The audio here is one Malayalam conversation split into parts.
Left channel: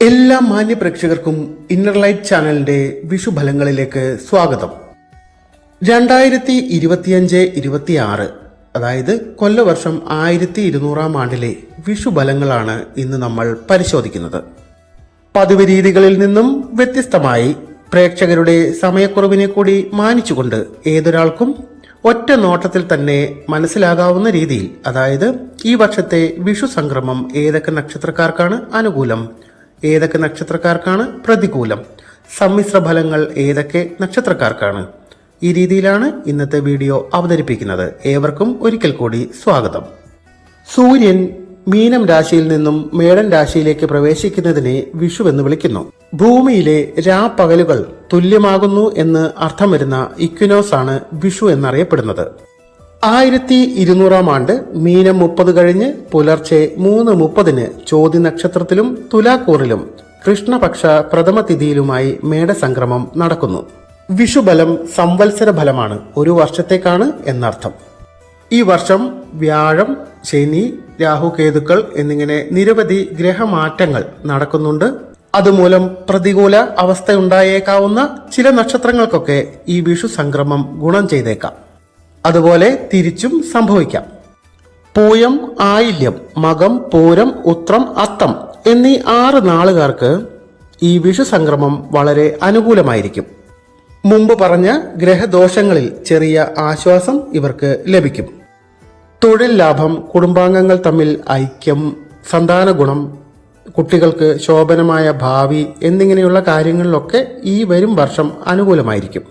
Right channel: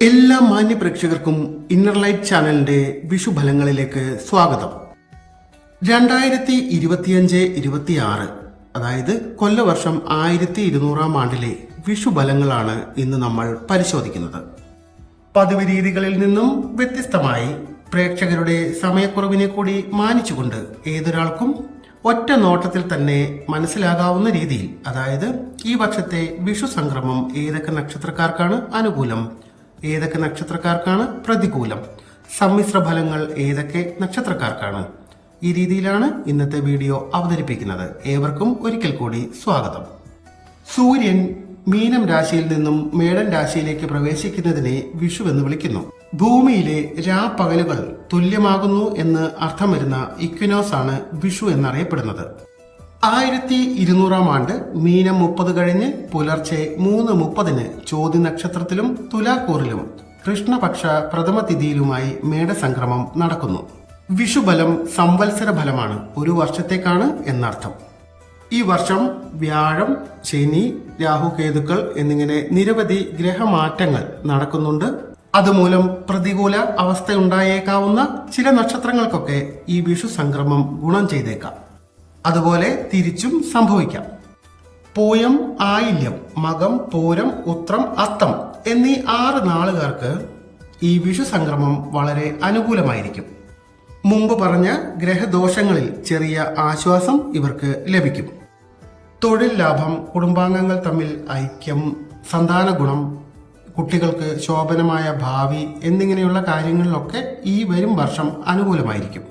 എല്ലാ മാന്യ പ്രേക്ഷകർക്കും ഇന്നർ ലൈറ്റ് ചാനലിന്റെ വിഷുഫലങ്ങളിലേക്ക് സ്വാഗതം. 2025-26 അതായത് കൊല്ലവർഷം 1200 ആണ്ടിലെ വിഷുഫലങ്ങളാണ് ഇന്ന് നമ്മൾ പരിശോധിക്കുന്നത്. പതിവ് രീതികളിൽ നിന്നും വ്യത്യസ്തമായി പ്രേക്ഷകരുടെ സമയക്കുറവിനെ കൂടി മാനിച്ചുകൊണ്ട് ഏതൊരാൾക്കും ഒറ്റ നോട്ടത്തിൽ തന്നെ മനസ്സിലാകാവുന്ന രീതിയിൽ, അതായത് ഈ വർഷത്തെ വിഷു സംക്രമം ഏതൊക്കെ നക്ഷത്രക്കാർക്കാണ് അനുകൂലം, ഏതൊക്കെ നക്ഷത്രക്കാർക്കാണ് പ്രതികൂലം, സമ്മിശ്ര ഫലങ്ങൾ ഏതൊക്കെ നക്ഷത്രക്കാർക്കാണ്, ഈ രീതിയിലാണ് ഇന്നത്തെ വീഡിയോ അവതരിപ്പിക്കുന്നത്. ഏവർക്കും ഒരിക്കൽ കൂടി സ്വാഗതം. സൂര്യൻ മീനം രാശിയിൽ നിന്നും മേടൻ രാശിയിലേക്ക് പ്രവേശിക്കുന്നതിനെ വിഷു എന്ന് വിളിക്കുന്നു. ഭൂമിയിലെ രാപ്പകലുകൾ തുല്യമാകുന്നു എന്ന് അർത്ഥം വരുന്ന ഇക്വിനോസ് ആണ് വിഷു എന്നറിയപ്പെടുന്നത്. 1200 ആണ്ട് മീനം 30 കഴിഞ്ഞ് പുലർച്ചെ 3:30 ചോതി നക്ഷത്രത്തിലും തുലാക്കൂറിലും കൃഷ്ണപക്ഷ പ്രഥമ തിഥിയിലുമായി മേടസംക്രമം നടക്കുന്നു. വിഷുബലം സംവത്സര ഫലമാണ്, ഒരു വർഷത്തേക്കാണ് എന്നർത്ഥം. ഈ വർഷം വ്യാഴം, ശനി, രാഹുകേതുക്കൾ എന്നിങ്ങനെ നിരവധി ഗ്രഹമാറ്റങ്ങൾ നടക്കുന്നുണ്ട്. അതുമൂലം പ്രതികൂല അവസ്ഥയുണ്ടായേക്കാവുന്ന ചില നക്ഷത്രങ്ങൾക്കൊക്കെ ഈ വിഷു സംക്രമം ഗുണം ചെയ്തേക്കാം. അതുപോലെ തിരിച്ചും സംഭവിക്കാം. പൂയം, ആയില്യം, മകം, പൂരം, ഉത്രം, അത്തം എന്നീ 6 നാളുകാർക്ക് ഈ വിഷു സംക്രമം വളരെ അനുകൂലമായിരിക്കും. മുമ്പ് പറഞ്ഞ ഗ്രഹദോഷങ്ങളിൽ ചെറിയ ആശ്വാസം ഇവർക്ക് ലഭിക്കും. തൊഴിൽ ലാഭം, കുടുംബാംഗങ്ങൾ തമ്മിൽ ഐക്യം, സന്താന ഗുണം, കുട്ടികൾക്ക് ശോഭനമായ ഭാവി എന്നിങ്ങനെയുള്ള കാര്യങ്ങളിലൊക്കെ ഈ വരും വർഷം അനുകൂലമായിരിക്കും.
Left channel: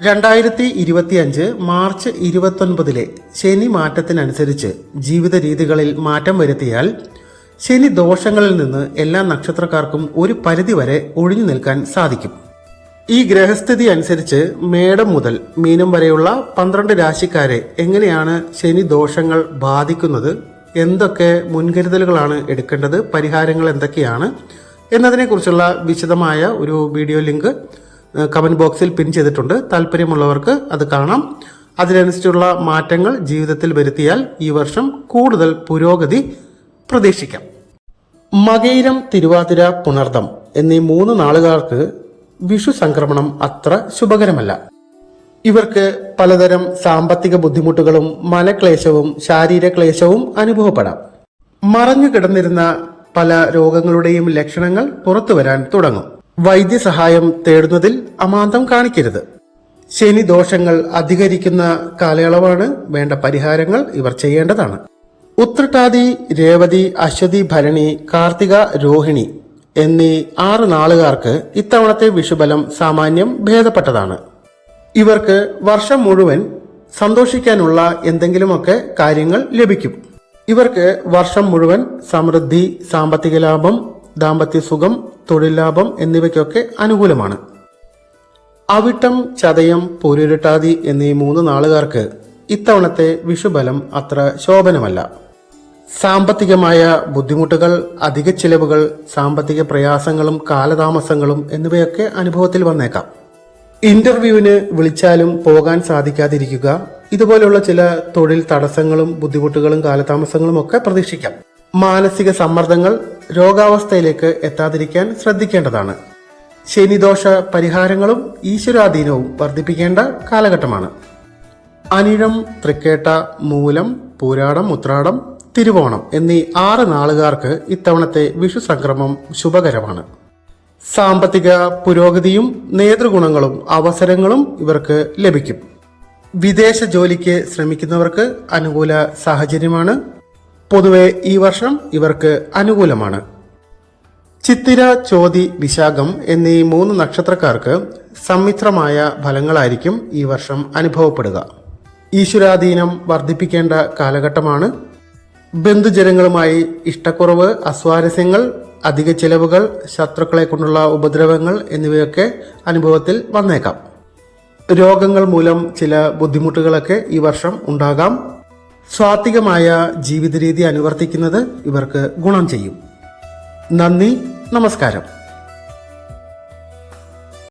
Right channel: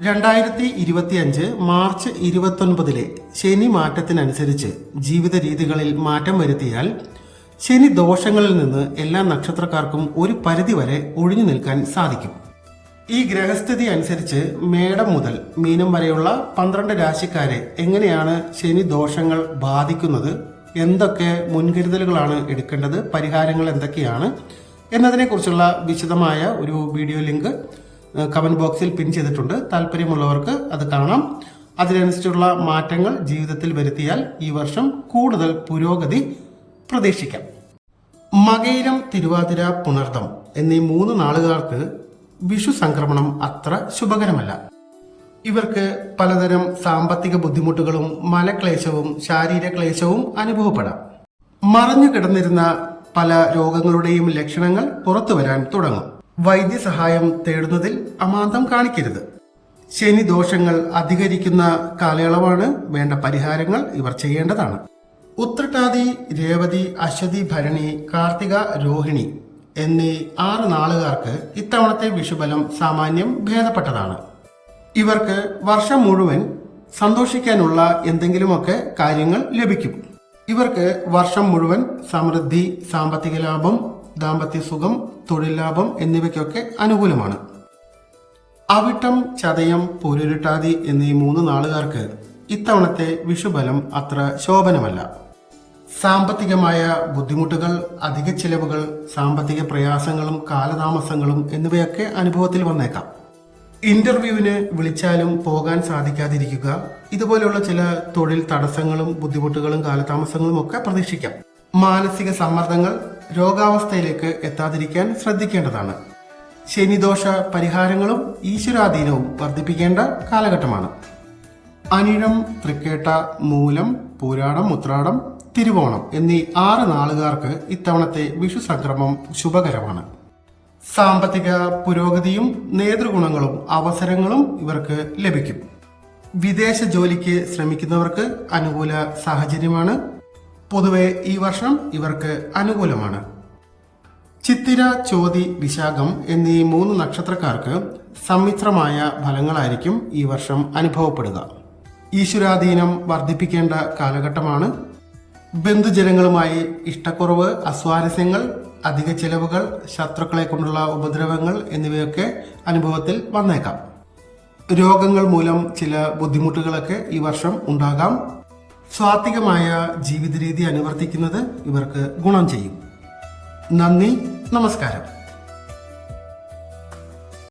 2025 മാർച്ച് 29 ശനി മാറ്റത്തിനനുസരിച്ച് ജീവിത രീതികളിൽ മാറ്റം വരുത്തിയാൽ ശനി ദോഷങ്ങളിൽ നിന്ന് എല്ലാ നക്ഷത്രക്കാർക്കും ഒരു പരിധിവരെ ഒഴിഞ്ഞു നിൽക്കാൻ സാധിക്കും. ഈ ഗ്രഹസ്ഥിതി അനുസരിച്ച് മേടം മുതൽ മീനം വരെയുള്ള 12 രാശിക്കാരെ എങ്ങനെയാണ് ശനി ദോഷങ്ങൾ ബാധിക്കുന്നത്, എന്തൊക്കെ മുൻകരുതലുകളാണ് എടുക്കേണ്ടത്, പരിഹാരങ്ങൾ എന്തൊക്കെയാണ് എന്നതിനെക്കുറിച്ചുള്ള വിശദമായ ഒരു വീഡിയോ ലിങ്ക് കമന്റ് ബോക്സിൽ പിൻ ചെയ്തിട്ടുണ്ട്. താല്പര്യമുള്ളവർക്ക് അത് കാണാം. അതിനനുസരിച്ചുള്ള മാറ്റങ്ങൾ ജീവിതത്തിൽ വരുത്തിയാൽ ഈ വർഷം കൂടുതൽ പുരോഗതി പ്രതീക്ഷിക്കാം. മകയിരം, തിരുവാതിര, പുണർദം എന്നീ 3 നാളുകാർക്ക് വിഷു സംക്രമണം അത്ര ശുഭകരമല്ല. ഇവർക്ക് പലതരം സാമ്പത്തിക ബുദ്ധിമുട്ടുകളും മനക്ലേശവും ശാരീരക്ലേശവും അനുഭവപ്പെടാം. മറഞ്ഞു കിടന്നിരുന്ന പല രോഗങ്ങളുടെയും ലക്ഷണങ്ങൾ പുറത്തു വരാൻ തുടങ്ങും. വൈദ്യസഹായം തേടുന്നതിൽ അമാന്തം കാണിക്കരുത്. ശനി ദോഷങ്ങൾ അധികരിക്കുന്ന കാലയളവാണ്. വേണ്ട പരിഹാരങ്ങൾ ഇവർ ചെയ്യേണ്ടതാണ്. ഉത്രട്ടാതി, രേവതി, അശ്വതി, ഭരണി, കാർത്തിക, രോഹിണി എന്നീ 6 നാളുകാർക്ക് ഇത്തവണത്തെ വിഷുബലം സാമാന്യം ഭേദപ്പെട്ടതാണ്. ഇവർക്ക് വർഷം മുഴുവൻ സന്തോഷിക്കാനുള്ള എന്തെങ്കിലുമൊക്കെ കാര്യങ്ങൾ ലഭിക്കും. ഇവർക്ക് വർഷം മുഴുവൻ സമൃദ്ധി, സാമ്പത്തിക ലാഭം, ദാമ്പത്യ സുഖം, തൊഴിൽ ലാഭം എന്നിവയ്ക്കൊക്കെ അനുകൂലമാണ്. അവിട്ടം, ചതയം, പൂരുരുട്ടാതി എന്നീ 3 നാളുകാർക്ക് ഇത്തവണത്തെ വിഷുബലം അത്ര ശോഭനമല്ല. സാമ്പത്തികമായ ബുദ്ധിമുട്ടുകൾ, അധിക ചിലവുകൾ, സാമ്പത്തിക പ്രയാസങ്ങളും കാലതാമസങ്ങളും എന്നിവയൊക്കെ അനുഭവത്തിൽ വന്നേക്കാം. ഇന്റർവ്യൂവിന് വിളിച്ചാലും പോകാൻ സാധിക്കാതിരിക്കുക, ഇതുപോലുള്ള ചില തൊഴിൽ തടസ്സങ്ങളും ബുദ്ധിമുട്ടുകളും കാലതാമസങ്ങളും ഒക്കെ പ്രതീക്ഷിക്കാം. മാനസിക സമ്മർദ്ദങ്ങൾ രോഗാവസ്ഥയിലേക്ക് എത്താതിരിക്കാൻ ശ്രദ്ധിക്കേണ്ടതാണ്. ശനിദോഷ പരിഹാരങ്ങളും ഈശ്വരാധീനവും വർദ്ധിപ്പിക്കേണ്ട കാലഘട്ടമാണ്. അനിഴം, തൃക്കേട്ട, മൂലം, പൂരാടം, ഉത്രാടം, തിരുവോണം എന്നീ 6 നാളുകാർക്ക് ഇത്തവണത്തെ വിഷു സംക്രമം ശുഭകരമാണ്. സാമ്പത്തിക പുരോഗതിയും നേതൃഗുണങ്ങളും അവസരങ്ങളും ഇവർക്ക് ലഭിക്കും. വിദേശ ജോലിക്ക് ശ്രമിക്കുന്നവർക്ക് അനുകൂല സാഹചര്യമാണ്. പൊതുവെ ഈ വർഷം ഇവർക്ക് അനുകൂലമാണ്. ചിത്തിര, ചോതി, വിശാഖം എന്നീ 3 നക്ഷത്രക്കാർക്ക് സമ്മിശ്രമായ ഫലങ്ങളായിരിക്കും ഈ വർഷം അനുഭവപ്പെടുക. ഈശ്വരാധീനം വർദ്ധിപ്പിക്കേണ്ട കാലഘട്ടമാണ്. ബന്ധുജനങ്ങളുമായി ഇഷ്ടക്കുറവ്, അസ്വാരസ്യങ്ങൾ, അധിക ചിലവുകൾ, ശത്രുക്കളെ കൊണ്ടുള്ള ഉപദ്രവങ്ങൾ എന്നിവയൊക്കെ അനുഭവത്തിൽ വന്നേക്കാം. രോഗങ്ങൾ മൂലം ചില ബുദ്ധിമുട്ടുകളൊക്കെ ഈ വർഷം ഉണ്ടാകാം. സ്വാത്വികമായ ജീവിത രീതി അനുവർത്തിക്കുന്നത് ഇവർക്ക് ഗുണം ചെയ്യും. നന്ദി, നമസ്കാരം.